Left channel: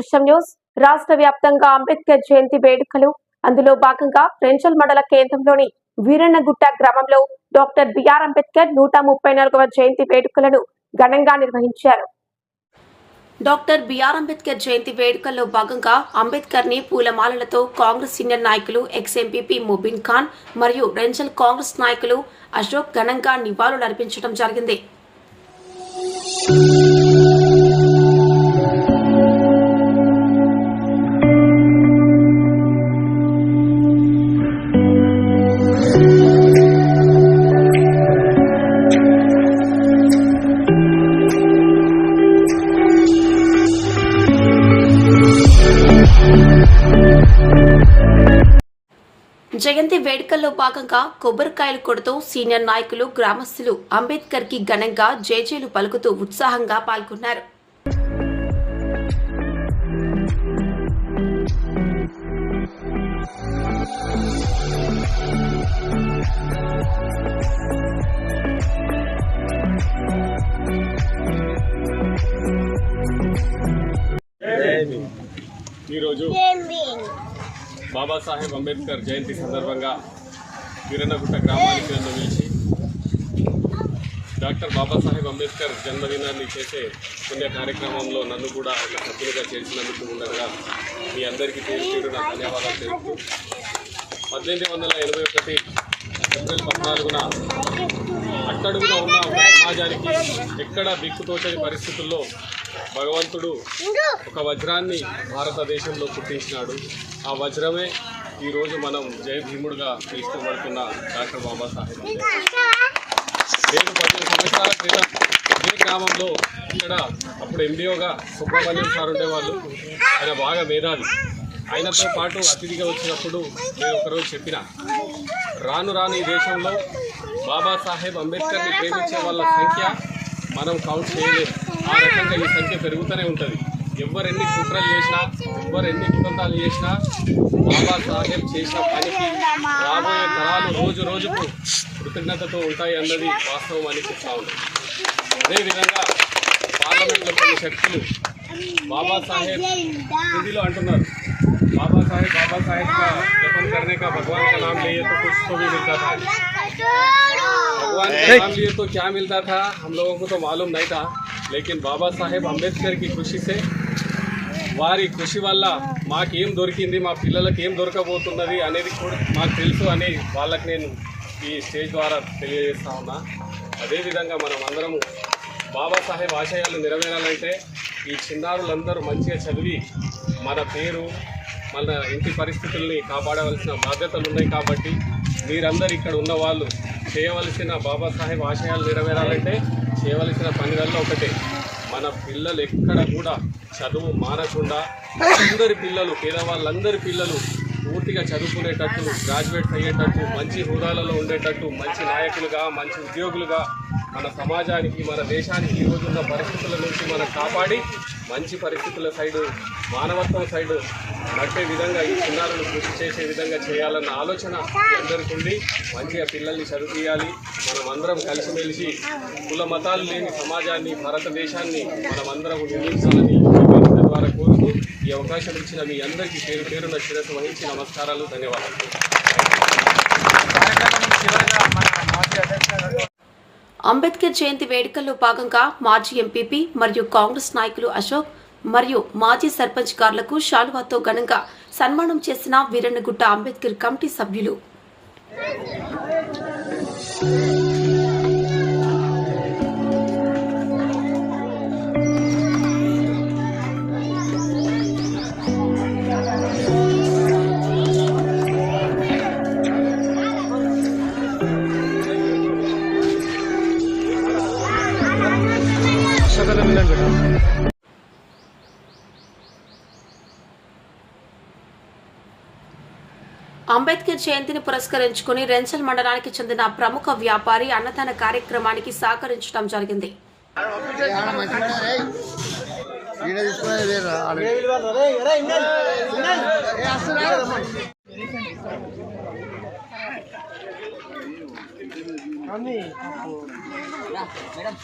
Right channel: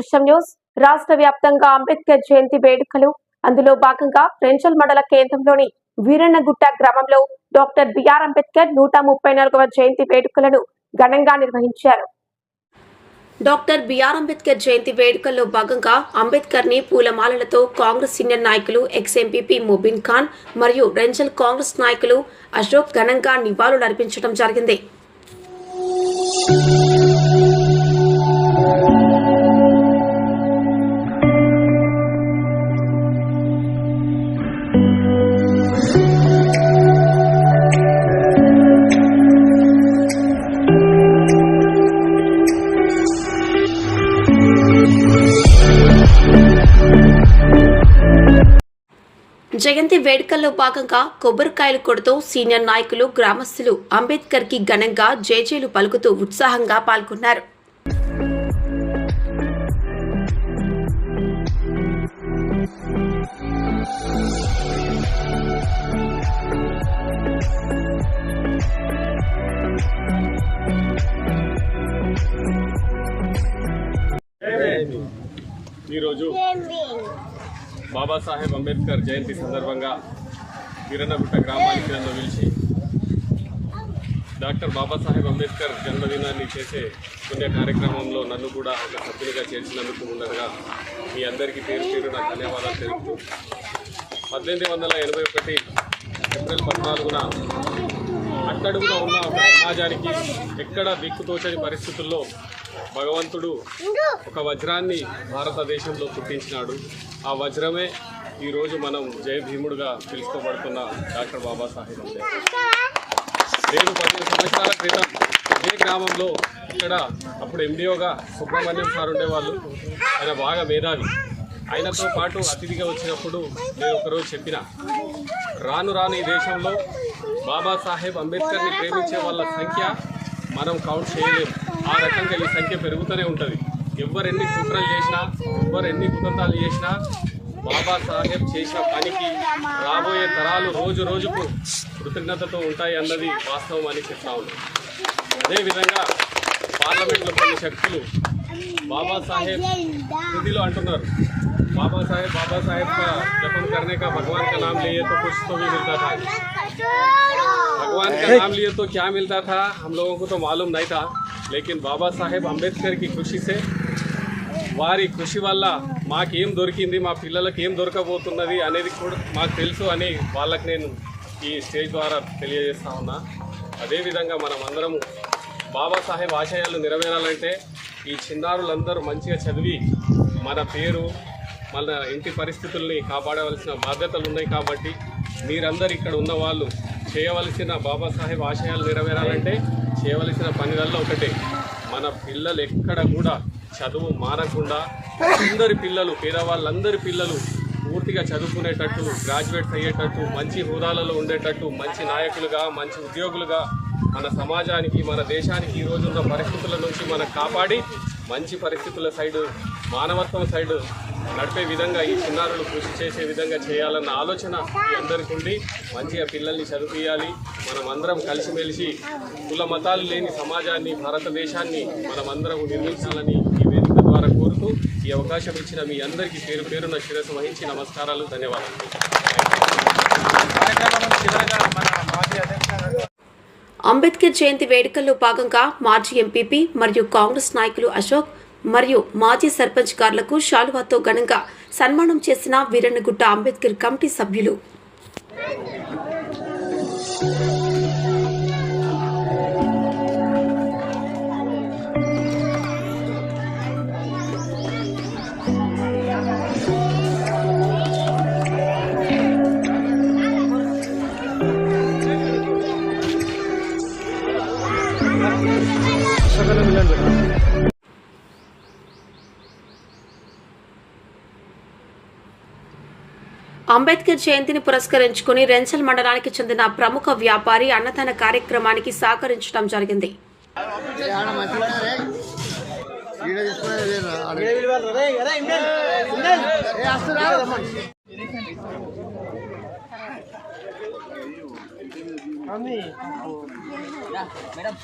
దృశ్యం న్యూస్ రాష్ట్ర వ్యాప్తంగా అంబేద్కర్ జయంతి వేడుకలు అందులో భాగంగా రెంచల్ మండల కేంద్రంలోని వీరన్నగుట్ట గ్రామంలో డాక్టర్ బిఆర్ అంబేద్కర్ 134వ జయంతి వేడుకలను ఘనంగా నిర్వహించారు. డాక్టర్ బిఆర్ అంబేద్కర్ జయంతి వేడుకల్లో భాగంగా అంబేద్కర్ ని పూలమాలలతో కాంగ్రెస్ సీనియర్ నాయకులు ఎక్స్ ఎంపీపీ ముబీన్ ఖాన్ మరియు రెంచల్ కాంగ్రెస్ నాయకులు అశోక్ ఘనంగా నివాళులర్పించడం జరిగింది. జయంతి వేడుకల్లో భాగంగా కొబ్బరికాయలు కొడుతూ సీనియర్ నాయకులు గ్రామస్తులు అంబేద్కర్ కి ఘనంగా జేజేలు పలుకుతూ ఉత్సాహంగా పాల్గొన్నారు. ఈరోజు బాబాసాహెబ్ అంబేద్కర్ జయంతి సందర్భంగా వీరన్నగుట్ట గ్రామానికి నన్ను పిలిచి డాక్టర్ బాబాసాహెబ్ అంబేద్కర్ జన్మదినాన్ని చేసే పుణ్య కార్యక్రమంలో నన్ను కూడా ఒక సభ్యునిగా చేర్చినందుకు ముందరగా మీ అందరికీ పేరు నా ధన్యవాదాలు తెలుపుతూ 1881 ఏప్రిల్ 14న అట్టడుగున ఉన్న ఒక సమాజానికి ఎక్కడ దిక్కుతోచని పరిస్థితుల్లో భగవంతుడు ఒక వజ్రాన్ని భారతదేశంలో పుట్టించినాడు. ఆ వజ్రమే ఈరోజు మనం జై భీముడుగా పిలుచుకోబడుతున్న డాక్టర్ బాబాసాహెబ్ అంబేద్కర్. నేను 15 సంవత్సరాల క్రితం ఇదే గ్రామంలో ఇక్కడ అప్పుడు ఎండిఓగా సుబ్రహ్మణ్యం సార్ ఉండేవాళ్ళు. ఆయన బాగా మేధావి. ఆయనతో పాటు అతిథిగా వచ్చినప్పుడు నేను ఒకరోజు చెప్పిన రాను ఈ దేశంలో బాబాసాహెబ్ అంబేద్కర్ని ప్రేమించే వాళ్ళ సంఖ్య మనం కౌంట్ చేయలేము. ఆ రకంగా ఈ సంఖ్య పెరుగుతూనే ఉంటుంది. ఎవరెన్ని కుట్రలు చేసినా ఎవరెన్ని కుతంత్రాలు చేసినా బాబాసాహెబ్ చేసిన పనికి రాబోయే తరాలు రోజు రోజుకు కృతజ్ఞతతో ఉంటాయి అన్నది వాస్తవం అని చెప్తా ఉన్నాం. అదేవిధంగా పార్లమెంట్లో కొన్ని శక్తులు బాబాసాహెబ్ హిందీలో అంటున్నారు, బాబాసాహెబ్ का जपन करने का भगवान का नाम लिए तो कुछ तो भी मिलता था. भगवान का नाम लिए तो क्या मिलता था हम लोगों को तो मालूम नहीं था. लेकिन बाबा साहेब अंबेडकर की कृषि से వారి కృషి వల్ల మాకేం దొరికింది, మా పిల్లలకి ఏం దొరకబోతున్నది అనేది కూడా మాకు తెలుసు అని వాళ్ళకి నేను ఈ స్టేజ్ ద్వారా తెలియజేస్తా ఉన్నా. అదేవిధంగా మనం అందరము బాబాసాహెబ్ ఆశయాలు నెరవేరాలంటే ఈ చిన్నారులందరూ మంచిగా చదివి మన పేరు మన ఇంటి పరిస్థితుల్ని కాపాడవలసిన బాధ్యతలు ఉన్నాయి. కాబట్టి మీరందరూ ఇక్కడ ఉన్న వాళ్ళు చేయవలసిన బాబాసాహెబ్ ఆశయాలు నెరవేరాలంటే చేయవలసిన పనులలో ఒకటే, మన పిల్లలు ఎక్కడ కూడా చదువు మానకుండా అందరి పిల్లలు పేదవాళ్ళందరి పిల్లలు పూర్తిగా చదువుకునేటట్టు, గ్రాడ్యుయేట్స్ అయ్యేటట్టు, మంచి హోదాలలో ఉండేటట్టు, మంచి నాయకులుగా మంచి ఉద్యోగులుగా మన సమాజానికి మన దేశానికి ఈరోజు ఉన్న పరిస్థితుల నుంచి మనం కాపాడి మంచి పరిస్థితుల సైడు మానవత్వం సైడు నడిపే విధంగా ఈ చిన్నారులు కృషి చేసే విధంగా చేయాలన్న ఆలోచన అందరికీ ఉండి మంచిగా పిల్లల్ని చదివియాలి. మనం అందరం కలిసిమెలిసి కుల మతాలు లేని సమాజాన్ని భారతదేశాన్ని మనమందరం నిర్మించాలని ఈ వేదిక ద్వారా కోరుతూ ఈ అవకాశం ఇచ్చిన మీ అందరికీ పేరు పేరున శిరస్సు వహించి నమస్కారాలు, ధన్యవాదాలు. అంబేద్కర్ జయంతి వేడుకల్లో భాగంగా మాజీ ఎంపీపీ మరియు కాంగ్రెస్ నాయకులు అశోక్ మరియు మాజీ సర్పంచ్ గార్లకు శాలువాతో ఘనంగా సన్మానం చేసిన వీరన్నగుట్ట అంబేద్కర్ కమిటీ సభ్యులు. అంబేద్కర్ జయంతిని పురస్కరించుకుని రెంచల్ మండలానికి చెందిన ప్రముఖ వ్యాపారి అన్నదాన కార్యక్రమానికి సహకరించడం జరిగింది. మేడం